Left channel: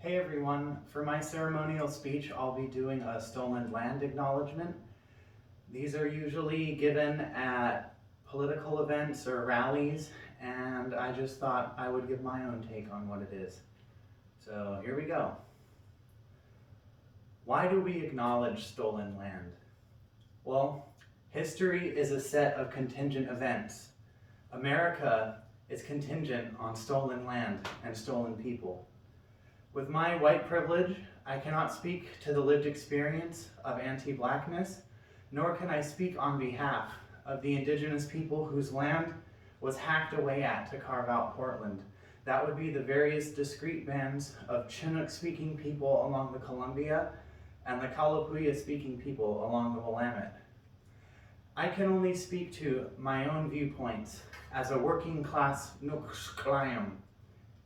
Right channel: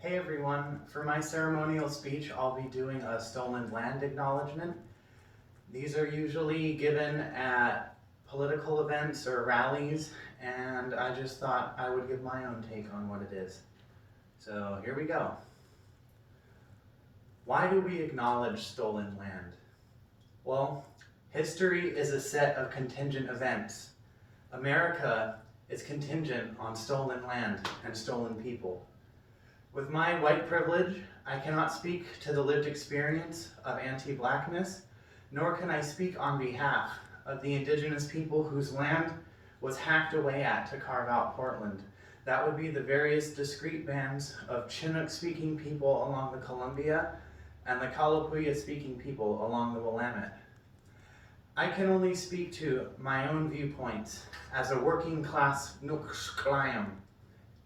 Hey everyone, for my ceremonial speech, I'll be doing a stolen land acknowledgement. These are usually given at political events or rallies, and I just thought I would give my own take on what it is. So here we go. Why do we acknowledge stolen land? Well, history is a set of contingent events. America is contingent on stolen land and stolen people. With my white privilege, I cannot speak to the lived experience of anti-Blackness, nor can I speak on behalf of the indigenous people whose land was hacked away at to carve out Portland. That would be the various discrete bands of Chinook-speaking people along the Columbia and the Kalapuya-speaking people along the Willamette. I can only speak to my own viewpoints as a working class Nuxcliam.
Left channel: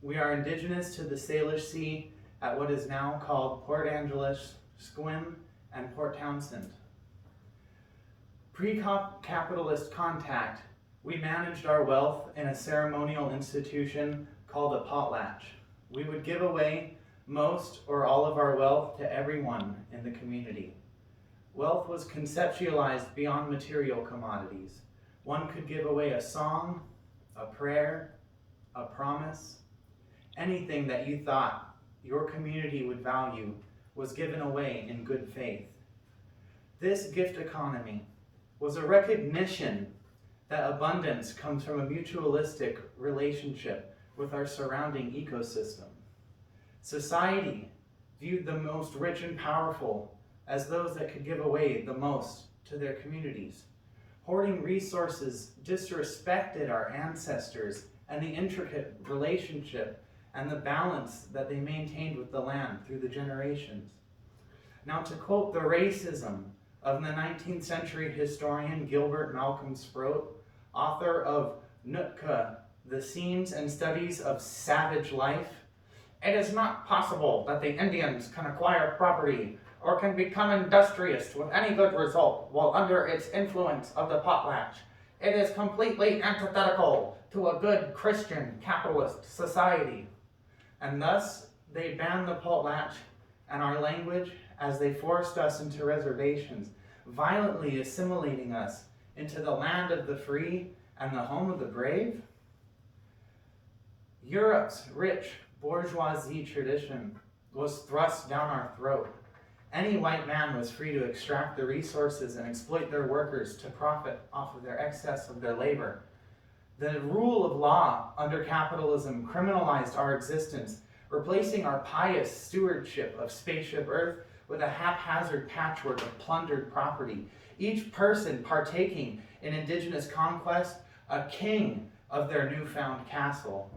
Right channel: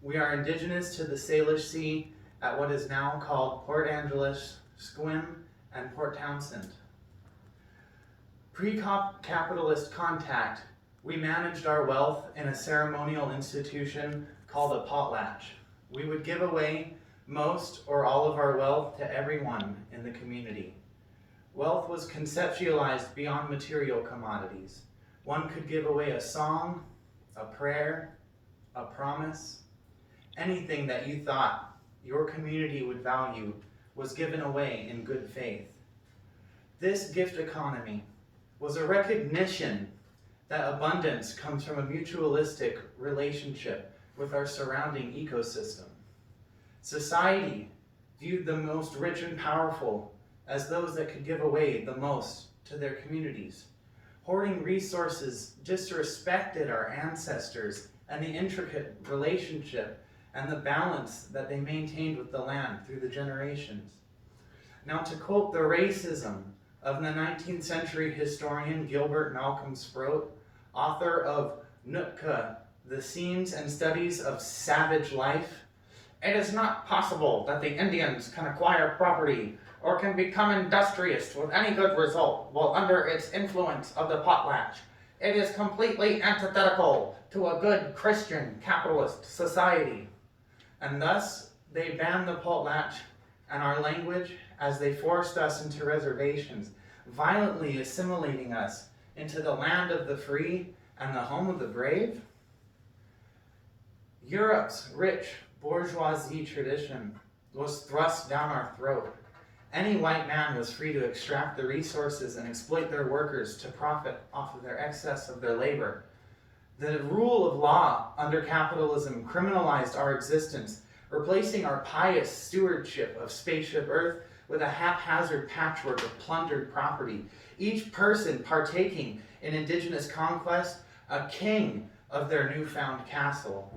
We are indigenous to the Salish Sea at what is now called Port Angeles, Sequim, and Port Townsend. Pre-capitalist contact, we managed our wealth in a ceremonial institution called a potlatch. We would give away most or all of our wealth to everyone in the community. Wealth was conceptualized beyond material commodities. One could give away a song, a prayer, a promise. Anything that you thought your community would value was given away in good faith. This gift economy was a recognition that abundance comes from a mutualistic relationship with our surrounding ecosystem. Society viewed the most rich and powerful as those that could give away the most to their communities. Hoarding resources disrespected our ancestors and the intricate relationship and the balance that they maintained with the land through the generations. Now, to quote the racism of the 19th century historian Gilbert Malcolm Sproat, author of Nootka, The Scenes and Studies of Savage Life, it is not possible that the Indians can acquire property or can become industrious with any good result while under its influence of the potlatch. It is completely antithetical to a good Christian capitalist society. And thus, they banned the potlatch and our language as they forced us into reservations, violently assimilating us into the land of the free and the home of the brave. Europe's rich bourgeoisie tradition was thrust down our throat. Any white man was free to extract the resources and exploit their workers to profit off of their excess of their labor. The rule of law under capitalism criminalized our existence, replacing our pious stewardship of spaceship Earth with a haphazard patchwork of plundered property, each person partaking in indigenous conquest, a king of their newfound castle.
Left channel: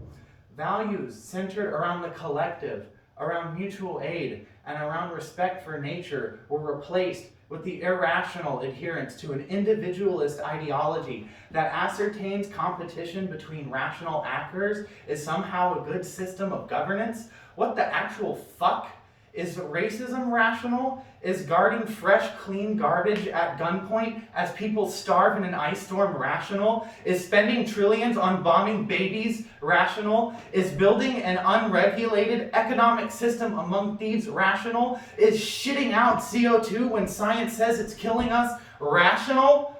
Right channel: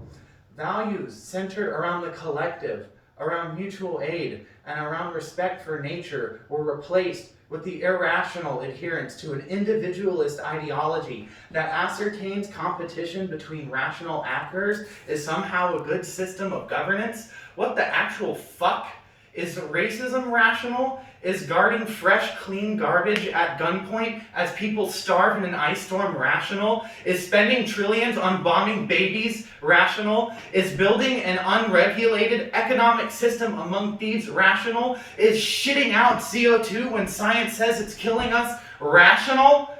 Values centered around the collective, around mutual aid, and around respect for nature were replaced with the irrational adherence to an individualist ideology that ascertains competition between rational actors is somehow a good system of governance. What the actual fuck? Is racism rational? Is guarding fresh, clean garbage at gunpoint as people starve in an ice storm rational? Is spending trillions on bombing babies rational? Is building an unregulated economic system among thieves rational? Is shitting out CO2 when science says it's killing us rational?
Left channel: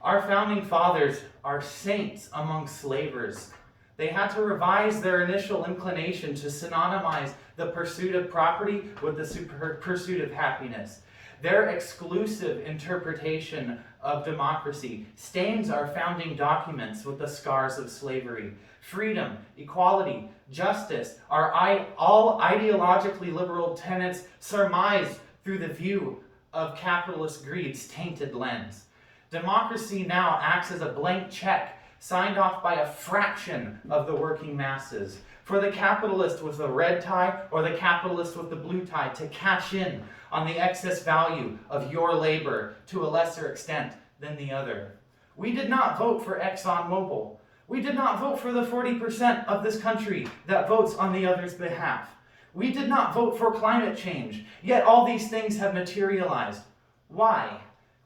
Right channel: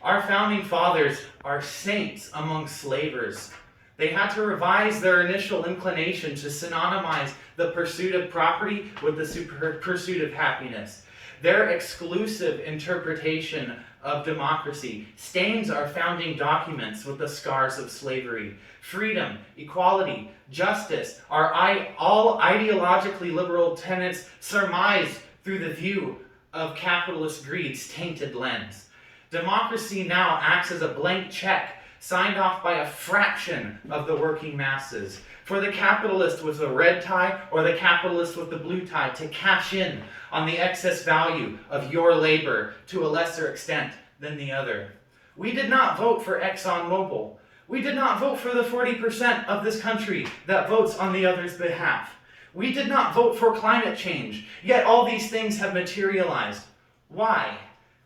Our founding fathers are saints among slavers. They had to revise their initial inclination to synonymize the pursuit of property with the pursuit of happiness. Their exclusive interpretation of democracy stains our founding documents with the scars of slavery. Freedom, equality, justice are all ideologically liberal tenets surmised through the view of capitalist greed's tainted lens. Democracy now acts as a blank check signed off by a fraction of the working masses, for the capitalist with the red tie or the capitalist with the blue tie to cash in on the excess value of your labor to a lesser extent than the other. We did not vote for ExxonMobil. We did not vote for the 40% of this country that votes on the other's behalf. We did not vote for climate change, yet all these things have materialized. Why?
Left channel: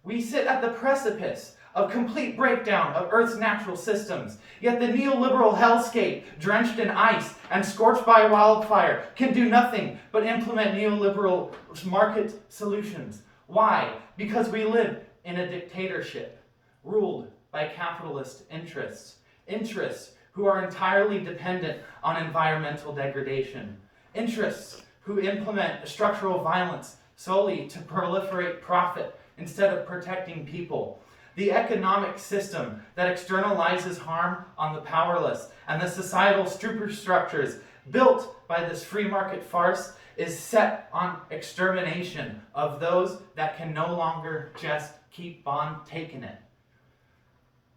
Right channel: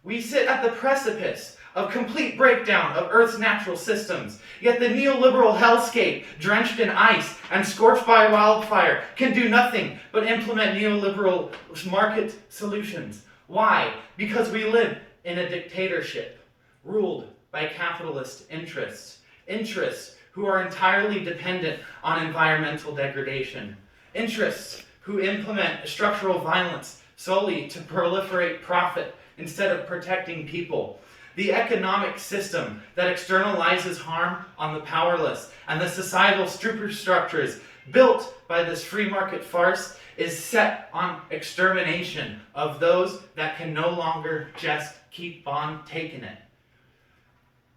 We sit at the precipice of complete breakdown of Earth's natural systems. Yet the neoliberal hellscape, drenched in ice and scorched by wildfire, can do nothing but implement neoliberal market solutions. Why? Because we live in a dictatorship ruled by capitalist interests. Interests who are entirely dependent on environmental degradation. Interests who implement structural violence solely to proliferate profit instead of protecting people. The economic system that externalizes harm on the powerless and the societal superstructures built by this free market farce is set on extermination of those that can no longer just keep on taking it.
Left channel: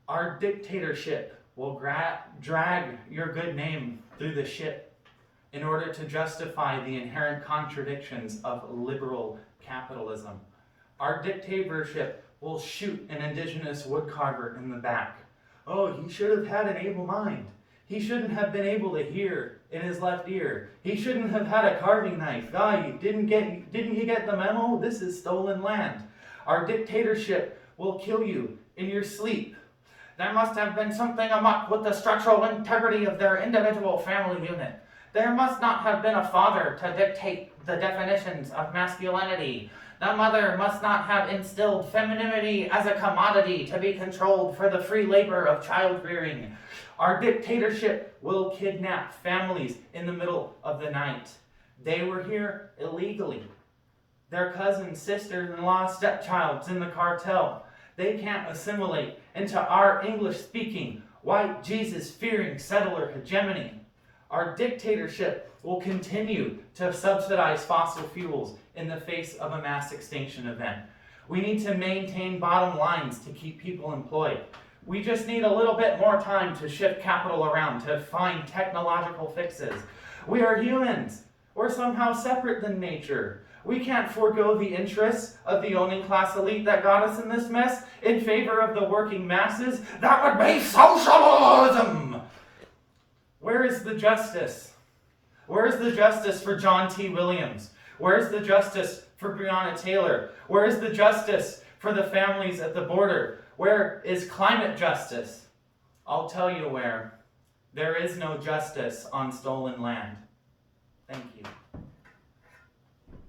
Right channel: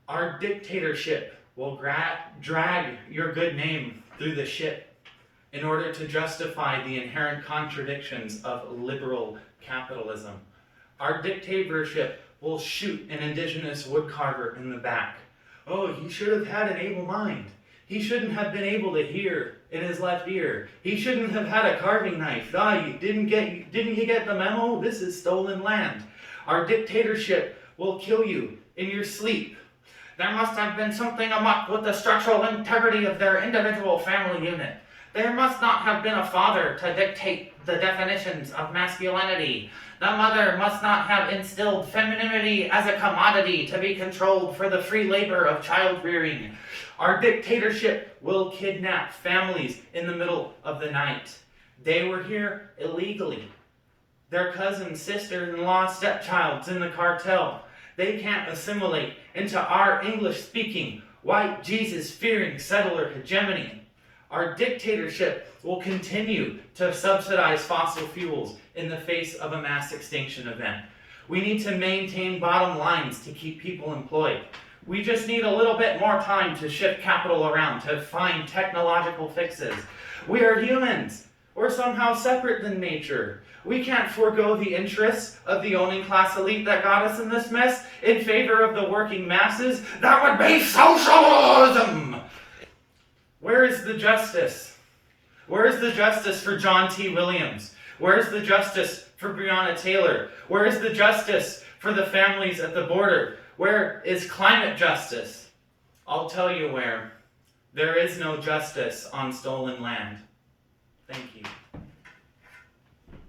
Our dictatorship will drag your good name through the shit in order to justify the inherent contradictions of liberal capitalism. Our dictatorship will shoot an indigenous woodcarver in the back. Oh, he should have had an able mind. He shouldn't have been able to hear in his left ear. He shouldn't have had a carving knife. Didn't you get the memo? This is stolen land. Our dictatorship will kill you in your sleep. There must have been something amok with the structural integrity of their individual family unit. There must not have been a father to dictate the definitions of masculinity. The mother must not have instilled femininity as a commodity to be controlled for the free labor of child rearing. Our dictatorship will kidnap families in the middle of the night. They were here illegally. Their cousin, sister-in-law, stepchild's in the cartel. They can't assimilate into our English-speaking, white, Jesus-fearing settler hegemony. Our dictatorship will continue to subsidize fossil fuels in the face of a mass extinction event. We need to maintain bottom lines to keep people employed. We just need a little bit more time to shift capital around, to find technological fixes. We are humans. We're somehow separate than nature. We can't forego the interests of the owning class elite that got us in this mess in favor of the working masses. That would be socialism! Where is the justice? Where is the justice for John T. Williams? Where is the justice for Breonna Taylor? Where is the justice for the families at the border? Where is climate justice? I'll tell you where. There is no justice on stolen land. Thank you.